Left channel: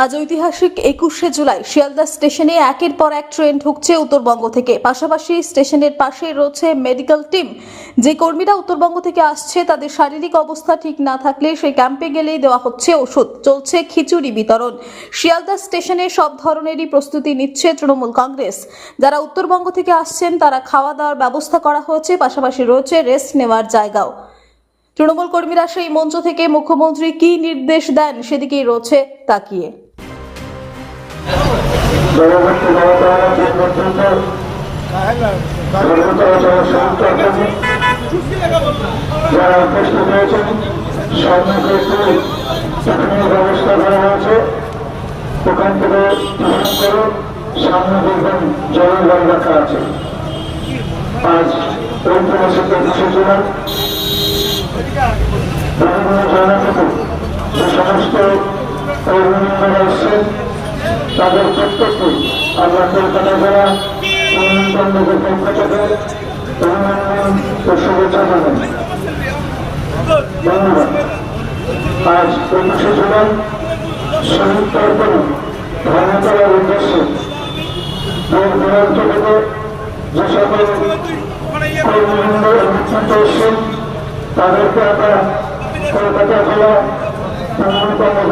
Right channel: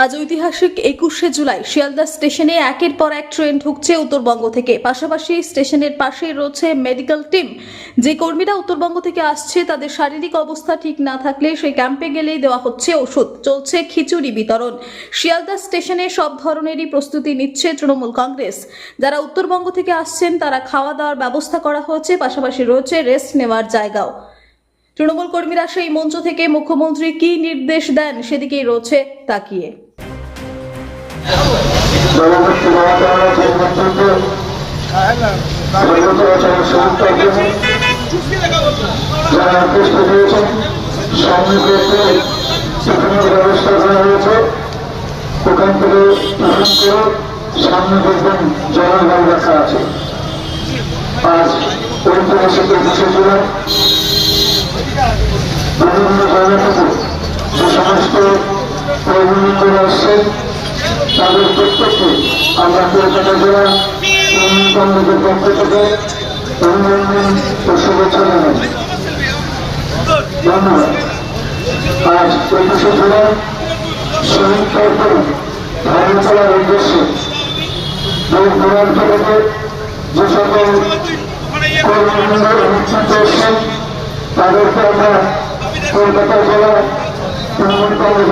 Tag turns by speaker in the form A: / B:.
A: আজ ঐতিহাসিক একুশে জুলাই শিয়ালদা স্টেশনে একের পর এক ট্রেন ঢুকছে উত্তরবঙ্গ থেকে। পাশাপাশি স্টেশনের পাশে রয়েছে মেডিকেল টিম। যে কর্মীরা উত্তরবঙ্গ থেকে আসছে, তাদের শারীরিক অবস্থা ঠিক না থাকলে সেই ক্যাম্পে গেলেই দেওয়া হচ্ছে ওষুধ। চলছে খিচুড়ি বিতরণ। শিয়ালদা স্টেশনে সব ধরনেরই প্রস্তুতি নিচ্ছে তৃণমূল কংগ্রেস। যারা উত্তরবঙ্গ থেকে আসছেন, তারা খাওয়া দাওয়ার ব্যবস্থা করা হয়েছে, পাশাপাশি রয়েছে রেস্ট নেওয়ার জায়গাও। তৃণমূল কর্মীরা সেই মঞ্চ থেকে মুখ্যমন্ত্রী কি নির্দেশ দেন সেদিকেই রয়েছে তাকিয়ে।
B: আজ জুলাই সমস্ত কর্মীরা এসছেন তাদের প্রত্যেককে আমরা কলকাতা জেলা কমিটির পক্ষ থেকে অভিনন্দন শুভেচ্ছা জানাই আজ একুশে জুলাই শহীদ তর্পণ ধর্মতলার উদ্দেশ্যে দূর দূরান্ত থেকে যে সকল কর্মীবৃন্দ অনুষ্ঠিত তাদেরকে আমরা কলকাতা জেলা Thank you.